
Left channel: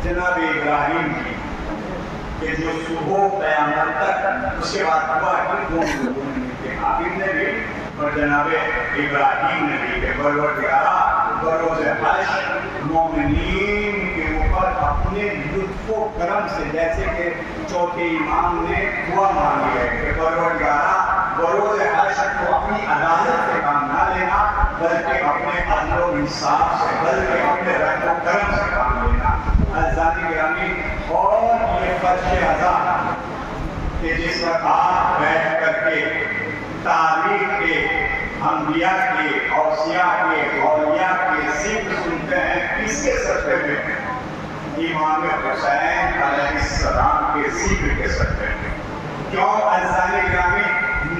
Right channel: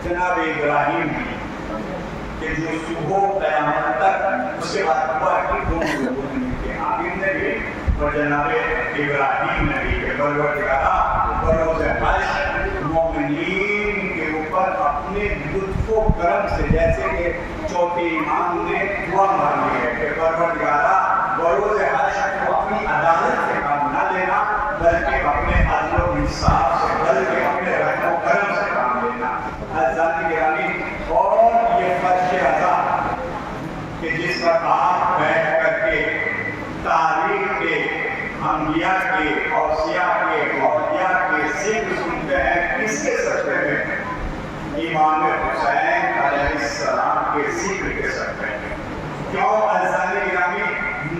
जनाब इब्राहिम कि जो सुबह क़यामत तक उसके बाद हुआ कि दोनों लोगों ने मिलकर आबिद ने भी और जनाब इब्राहिम ने भी कि परवरदिगारा बरोज़ हश्र मोमिनीन के ऊपर अपने लुत्फ़ो करम से, जैसे कि चौथे इमाम ने दुआ मांगी है कि परवरदिगारा बरोज़ हश्र को अपनी अदालत से काम ना लेना बल्कि अपने अदल और इंसाफ से, बल्कि अपने रहम करम से काम लेना। अज़ानी गिरामी और ये फर्श अज़ा कि जिस वक्त आप बैठ करके तारीख के, अंबिया के, औसिया के, औलिया के जिक्र सुनते हैं, किसके सत्ते में? इमाम हुसैन अलैहिस्सलाम के जिक्र के सत्ते में। क्यों? अज़ानी गिरामी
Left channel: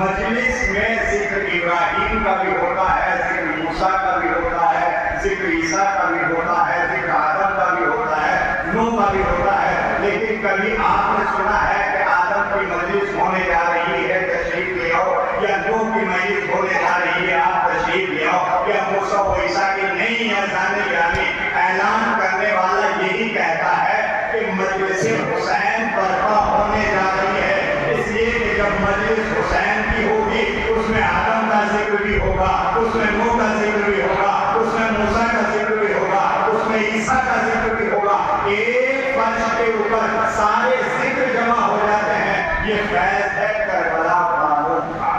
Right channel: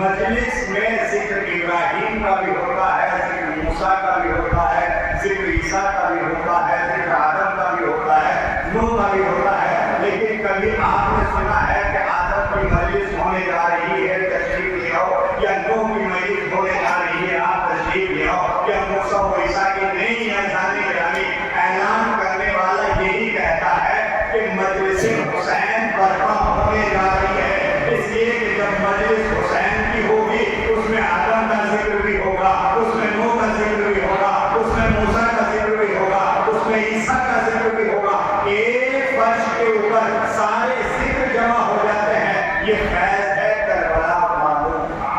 मजलिस में जिक्र इब्राहिम का भी होता है, जिक्र मूसा का भी होता है, जिक्र ईसा का भी होता है, जिक्र आदम का भी होता है, नूह का भी होता है। लेकिन कभी आपने सुना है कि आदम की मजलिस होने जा रही है, तशरीफ ले आओ, या नूह की मजलिस होने जा रही है, आप तशरीफ ले आओ, या मूसा व ईसा की नहीं है? जाने गिरामी ऐलान करने वाला यही कहता है कि मजलिस हुसैन बर्पा होने जा रही है। इसलिए कि जब मजलिस हुसैन की होगी उसमें आदम का जिक्र भी होगा, उसमें नूह का जिक्र भी होगा, उसमें मूसा का जिक्र भी होगा, उसमें ईसा का जिक्र भी होगा। एक फर्श के ऊपर सारे जिक्र जमा हो जाते हैं। ये फैज़ है करबला मामूल का।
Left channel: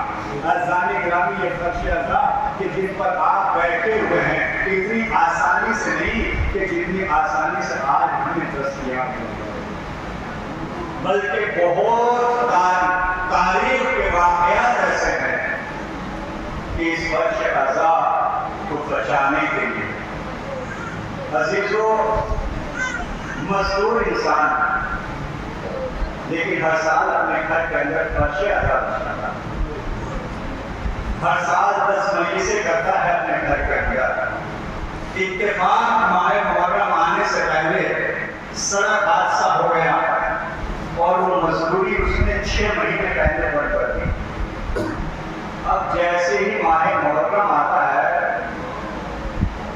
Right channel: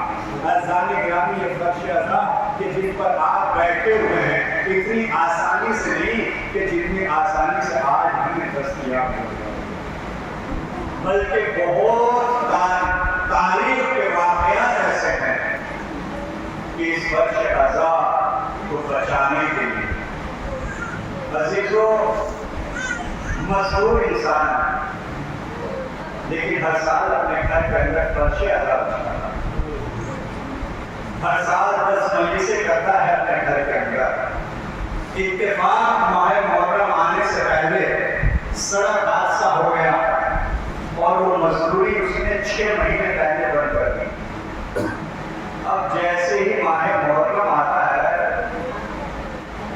अज़ानी गिरामी ये फर्श अज़ा कि जिन पर आप बैठे हुए हैं इतनी आसानी से नहीं कि जितनी आसानी से आज हमें दस्तयाब होगा, बल्कि बहुत तारीख के वाक़यात ऐसे हैं कि इस फर्श अज़ा को बचाने के लिए अज़ीज़ों मज़दूर इंसान लेकिन हर साल अपने घर के अंदर फर्श अदा करता था। हर साल 10 मजलिसें करता है अपने घर के अंदर। इत्तेफाक माह मुहर्रम आने से पहले सड़क हादसा हो गया और वो मजदूरी उसने 6 महीने पहले बंद कर दी। अब जैसे ही माह मुहर्रम आता है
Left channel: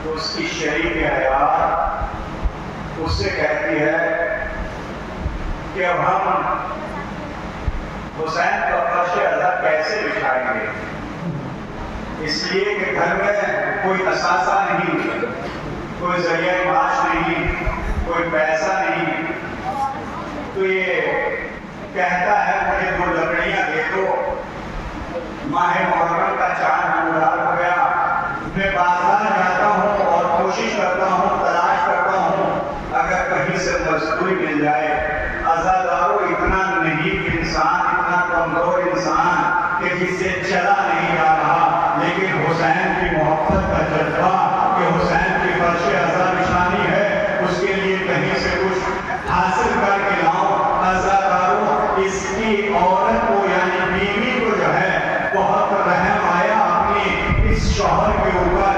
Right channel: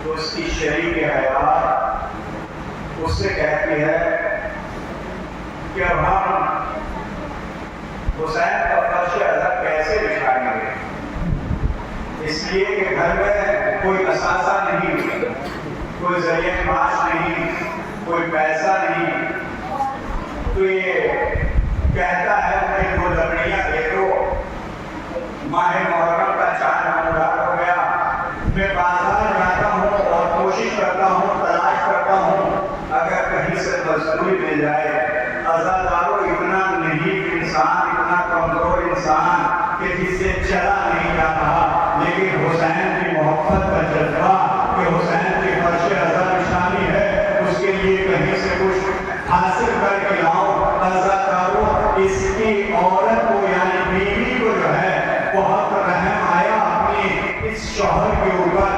तो उसकी शरीक हयात उससे कहती है कि अब हम हुसैन का फर्श अज़ा कैसे बिछाएंगे, इसलिए कि घर में कोई असासा नहीं, कोई जरिया माश नहीं, कोई पैसा नहीं। तो ये कहता है मुझे 2 लकड़ियां दे दो। माह मुहर्रम का चांद नमदार हो गया। मैं बाजार जाता हूँ और कोशिश करता हूँ, तलाश करता हूँ अगर कहीं से मजदूरी मिल जाए। अज़ादारों इतना नहीं इंसान, इतना कमजोर इंसान कि जिससे चला नहीं जा रहा, लेकिन हुसैन की मोहब्बत का जज्बा कि हुसैन की फर्श अज़ा निशानी है, उसके लिए कहीं से कुछ हासिल करके लाओ। अज़ादारों इसकी औरत को यानी बीवी को जो है बहुत रहम आया अपने इस शौहर के ऊपर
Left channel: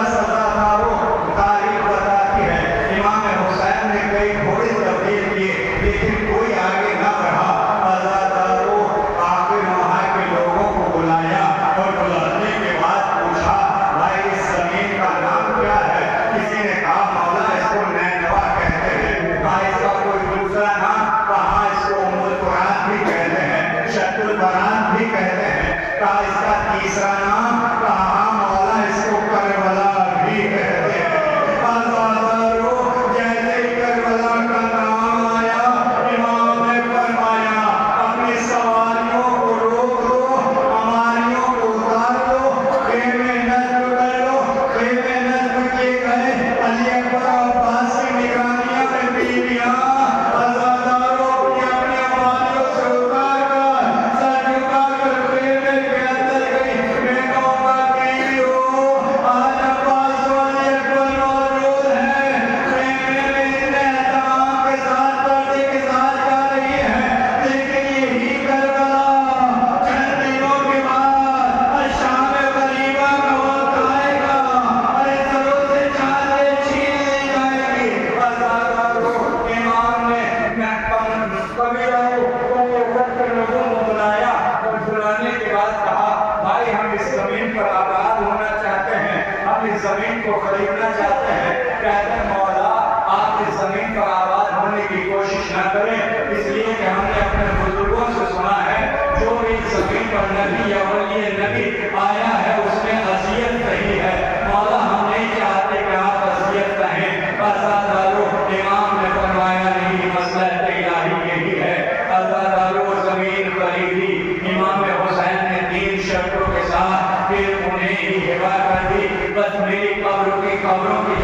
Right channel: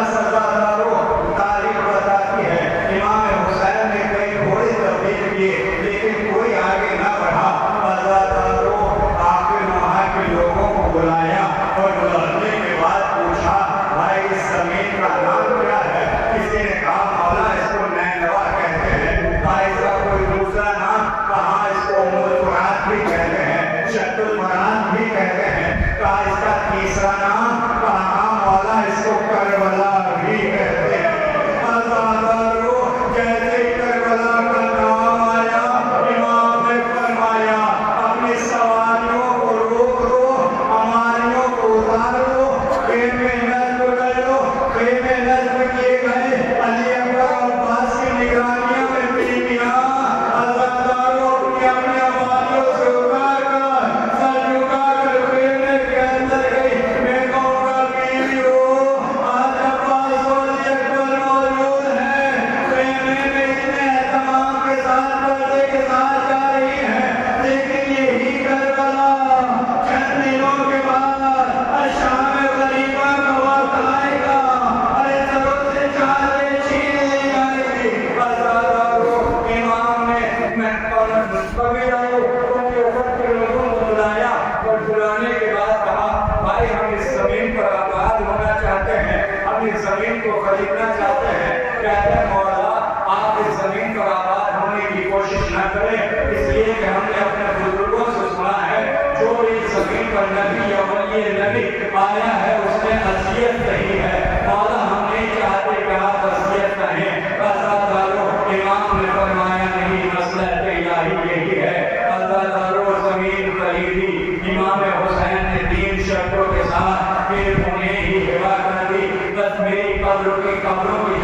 बस अज़ादारों तारीख बताती है इमाम हुसैन ने कई घोड़े तब्दील किए लेकिन कोई आगे ना बढ़ा। अज़ादारों आखिर वहाँ के लोगों को बुलाया और बुलाने के बाद पूछा भाई इस जमीन का नाम क्या है? किसी ने कहा मौला इसको नैनवा कहते हैं। कहा इसका कोई दूसरा नाम? कहा इसको उम्मुल फुरात भी कहते हैं, शत्रुल फरात भी कहते हैं। कहा इसका तीसरा नाम? कहा मौला इसको करबला भी कहते हैं। अज़ादारों जैसे ही करबला का नाम आया इमाम ने फरमाया अपनी सवारियों को रोक दो, हमारियों को उतार दो, खेमे नस्ब कर लो। खेमे नस्ब किए गए, अली अकबर और अब्बास की निगरानियों में बीवियां अज़ादारों अपनी अपनी आबादियों से उतार कर सर झुकाकर खेमे के अंदर गई। मैं कहूँगा बीवी हो आज अब्बास और अली अकबर मौजूद हैं, खेमे में इतने एहतमाम के साथ पर्दे के साथ जा रही हैं। लेकिन यही करबला चंद दिनों के बाद शाम गरीबा का वक्त आएगा। अरे सरों से चादरें छीन ली जाएगी। अज़ादारों इमाम ने कबीलों को लोगों को बुलाया और बुलाने के बाद कहा भाई हम इस जमीन पर आबाद होना चाहते हैं, हम इस जमीन को खरीदना चाहते हैं। कहते हैं मौला आप इस जमीन पर आबाद होने की कोशिश न करें, इसलिए कि हमने अपने बुजुर्गों से सुना है जो भी इस जमीन पर नबी या वली नबी आया है उसने अज़ियत कही है। मौला हम नहीं चाहते कि आप अज़ियत कहें। अज़ादारों इमाम ने फरमाया नहीं मसला इलाही यही है। अज़ादारों जमीन खरीदी, इमाम हुसैन ने 3 शर्तों के साथ फिर उन्हें ही हिबा कर दी। बस मेरी कब्रों की